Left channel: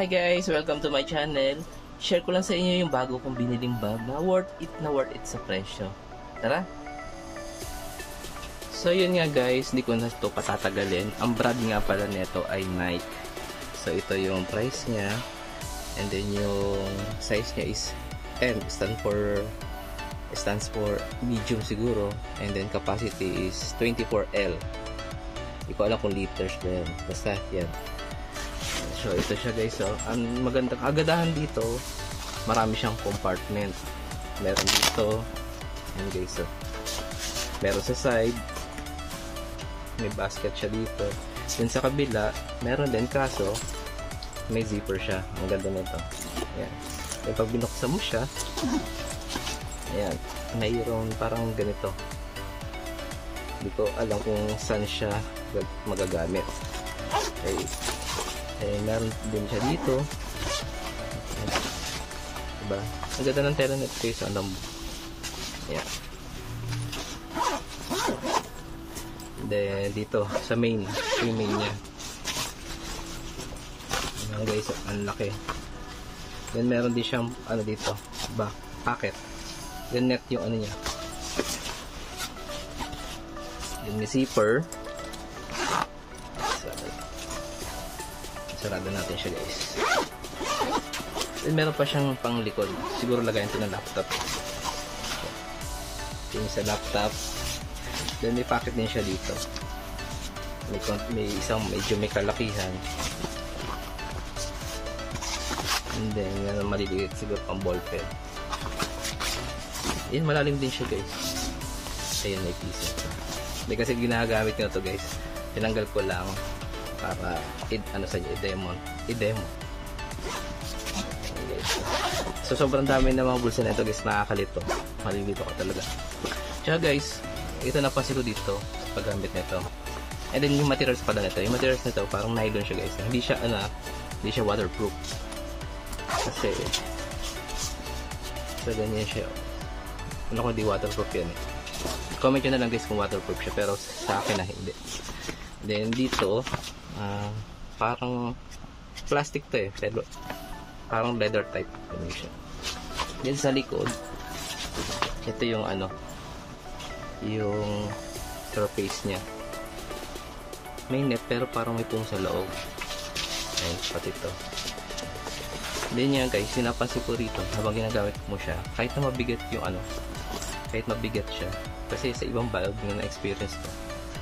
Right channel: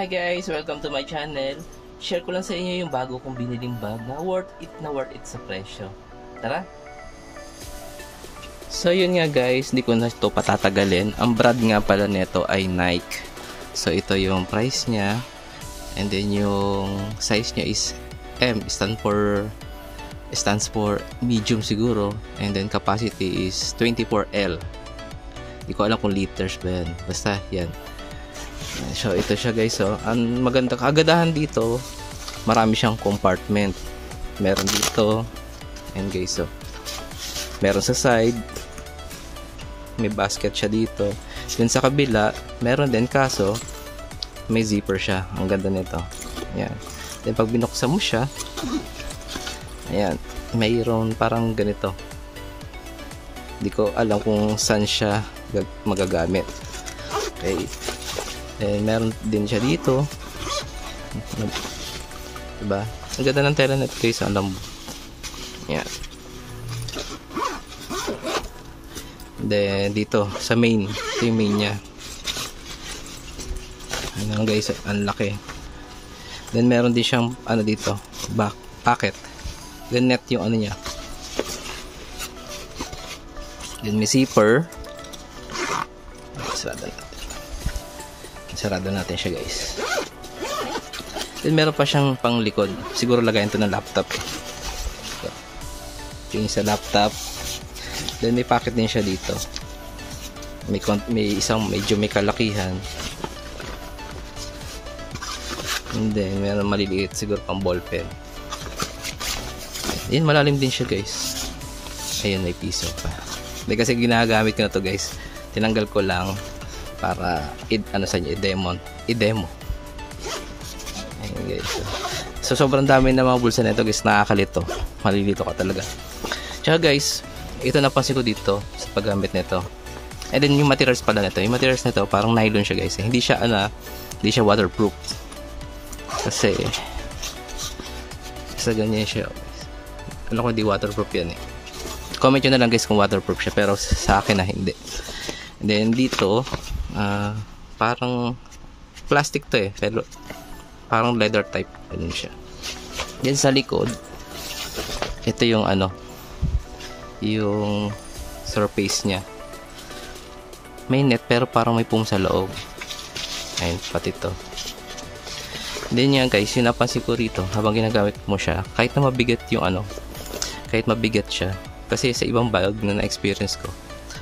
Hi guys! Welcome to my channel. Share ko lang sa inyo yung bago kong biniling bag na worth it sa presyo. Tara! So yun nga guys, hindi ko na ito patatagalin. Ang brand nga pala nito ay Nike. So ito yung price niya. And then yung size niya is M. Stands for medium siguro. And then capacity is 24L. Hindi ko alam kung liters ba yan. Basta yan. So ito siya guys. So ang magandang kagandahan dito, marami siyang compartment. Meron dito. And guys, so meron sa side. May basket siya dito. Then sa kabila, meron din kaso may zipper siya. Ang ganda nito. Ayan. Then pag binuksan mo siya, ayan, mayroon parang ganito. Hindi ko alam kung saan siya magagamit. Okay. Eh, meron din siya dito. Diba? Ang ganda ng tela nito guys. Ang lambo. Ayan. Then dito sa main, ito yung main nya. Ano guys, ang laki. Then meron din siyang ano dito, back pocket. Then net yung ano nya. Then may zipper. Sarado natin siya guys. Then meron pa siyang pang likod. Siguro lagayan ito ng laptop. Yung sa laptop. Then may pocket din siya dito. May isang medyo may kalakihan. And then meron maliliit siguro pang ballpen. Yan, malalim din siya guys. Ayun, may piso pa. Hindi kasi ginagamit ko na to guys. Tinanggal ko lang para i-demo. Ayun guys. So sobrang dami na mga bulsa na ito guys. Nakakalito. Malilito ka talaga. Tsaka guys, ito napansin ko dito sa paggamit nito. And then yung materials pala nito. Yung materials nito parang nylon siya guys. Hindi siya waterproof. Kasi sa ganyan siya. Ano kung di waterproof yan eh. Comment nyo na lang guys kung waterproof siya. Pero sa akin na hindi. And then dito parang plastic to eh. Pero parang leather type. Ganun siya. Then sa likod, ito yung ano, yung surface nya. May net pero parang may foam sa loob. Ayun, pati to. Then yan guys, yung napansin ko rito habang ginagamit mo siya, kahit na mabigat yung ano, kahit mabigat siya, kasi sa ibang bag na na-experience ko,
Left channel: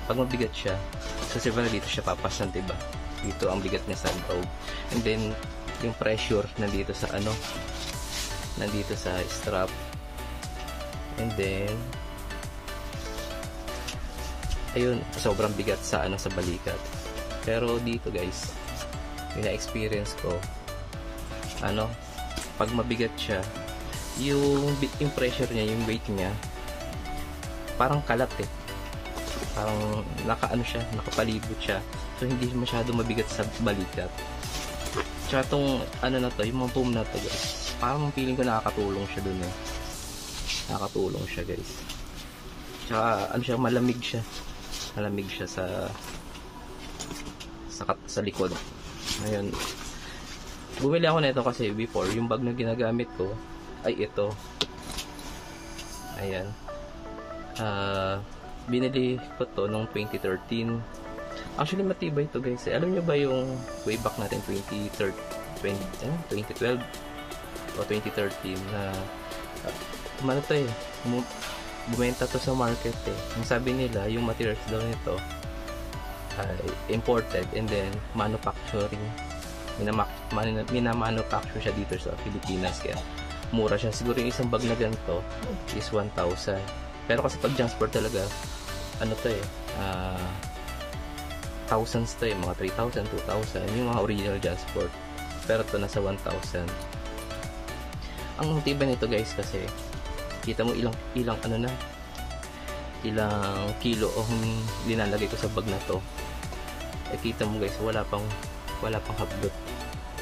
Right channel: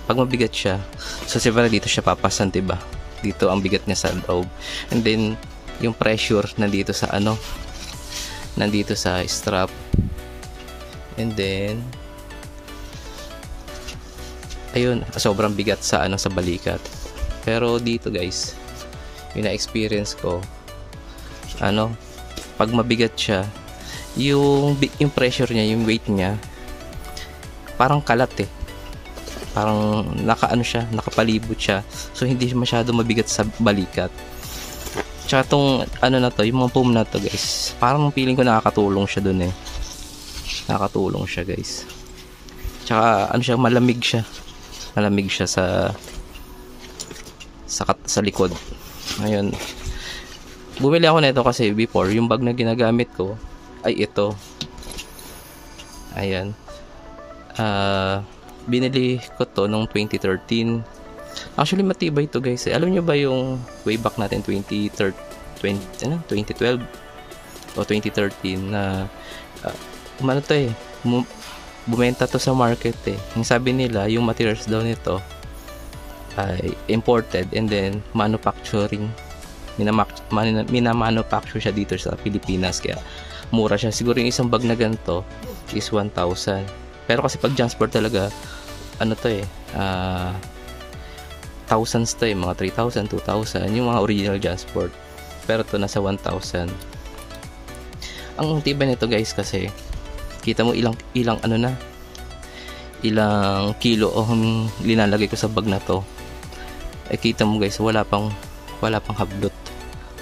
pag mabigat siya, so siyempre dito siya papasan, diba? Dito ang bigat niya sa loob. And then yung pressure nandito sa ano, nandito sa strap. And then ayun, sobrang bigat sa ano, sa balikat. Pero dito guys, yung na-experience ko, ano, pag mabigat siya, yung pressure niya, yung weight niya, parang kalat eh. Parang nakaano siya, nakapalibot siya. So hindi masyado mabigat sa balikat. Tsaka tong ano na to, yung mga foam na to guys, parang feeling ko nakakatulong siya dun eh. Nakakatulong siya guys. Tsaka ano siya, malamig siya. Malamig siya sa likod. Ayun. Bumili ako nito kasi before, yung bag na ginagamit ko ay ito. Ayan. Binili ko to noong 2013. Actually matibay to guys. Alam nyo ba yung way back natin 2012 o 2013 na ano to eh, bumenta to sa market eh. Yung sabi nila, yung materials daw nito ay imported and then manufacturing, minamanufacture siya dito sa Pilipinas, kaya mura siya. Siguro yung isang bag na ganito is 1,000. Pero kasi pag transport talaga, ano to eh, thousands to eh, mga 3,000, 2,000 yung mga original transport. Pero to nasa 1,000. Ang tibay nito guys kasi kita mo ilang ano na, ilang kilo ang linalagay ko sa bag na to. Eh kita mo guys, wala pang hablot,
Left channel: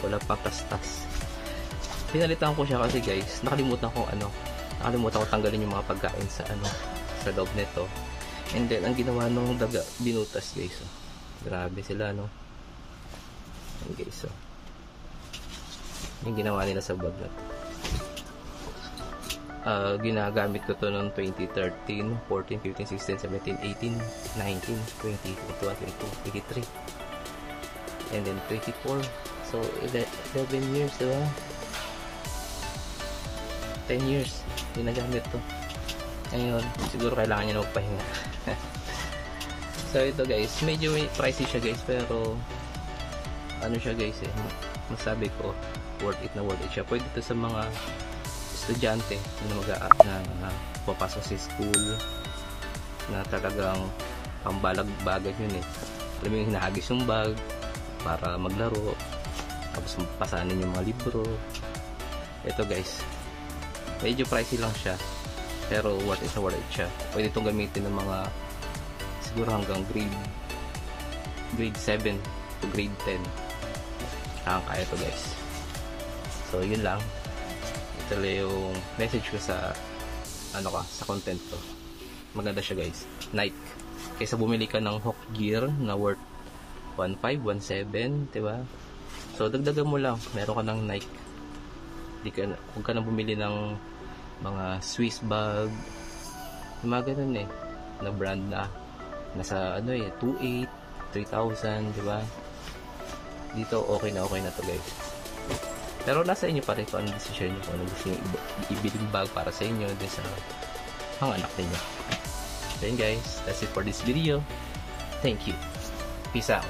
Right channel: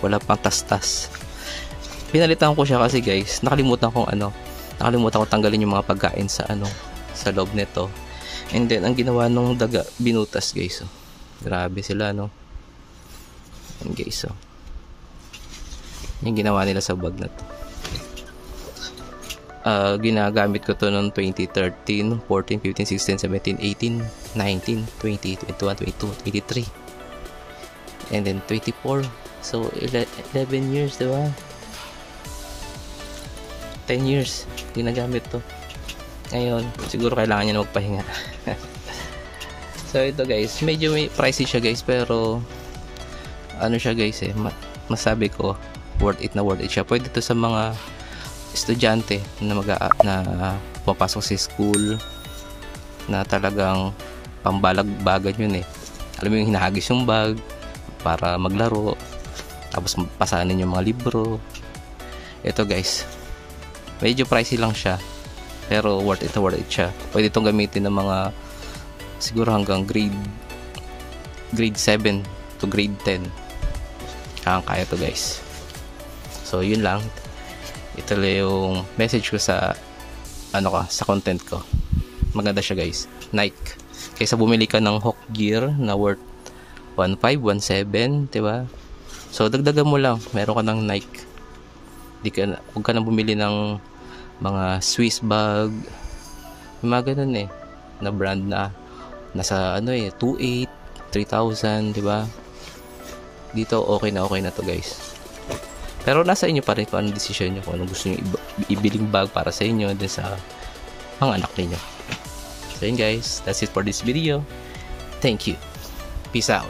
wala pang tastas. Pinalitan ko siya kasi guys, nakalimutan ko tanggalin yung mga pagkain sa ano, sa loob nito. And then ang ginawa nung daga, binutas guys. Oh. Grabe sila no. And guys, oh. yung ginawa nila sa bag na to. Ginagamit ko to noong 2013, 14, 15, 16, 17, 18, 19, 20, 21, 22, 23, and then 24. So 11 years, diba? 10 years ginagamit to. Ngayon siguro kailangan niya na magpahinga. So ito guys, medyo may pricey siya guys, pero ano siya guys masabi ko worth it siya. Pwede to sa mga estudyante na pumapasok sa school na talagang pambalag-bagan yun alam mo yung hinahagis yung bag para maglaro, tapos pasanin yung mga libro. Ito guys, medyo pricey lang siya, pero worth it siya. Pwede itong gamitin ng mga siguro hanggang grade 7 to grade 10. Kaya to guys. So yun lang, ito lang yung message ko sa sa content ko. Maganda siya guys, Nike. Kaysa bumili ka ng Hawk gear na worth 1.5, 1.7, diba? So dagdagan mo lang, meron ka ng Nike. Huwag ka na bumili ng mga Swiss bag, yung mga ganun na brand na nasa 2.8, 3,000, diba? Dito okay na to guys. Pero nasa inyo pa rin kung anong decision nyo, kung anong gusto nyo ibiling bag para sa inyo din sa mga anak niyo. So yun guys, that's it for this video. Thank you. Peace out.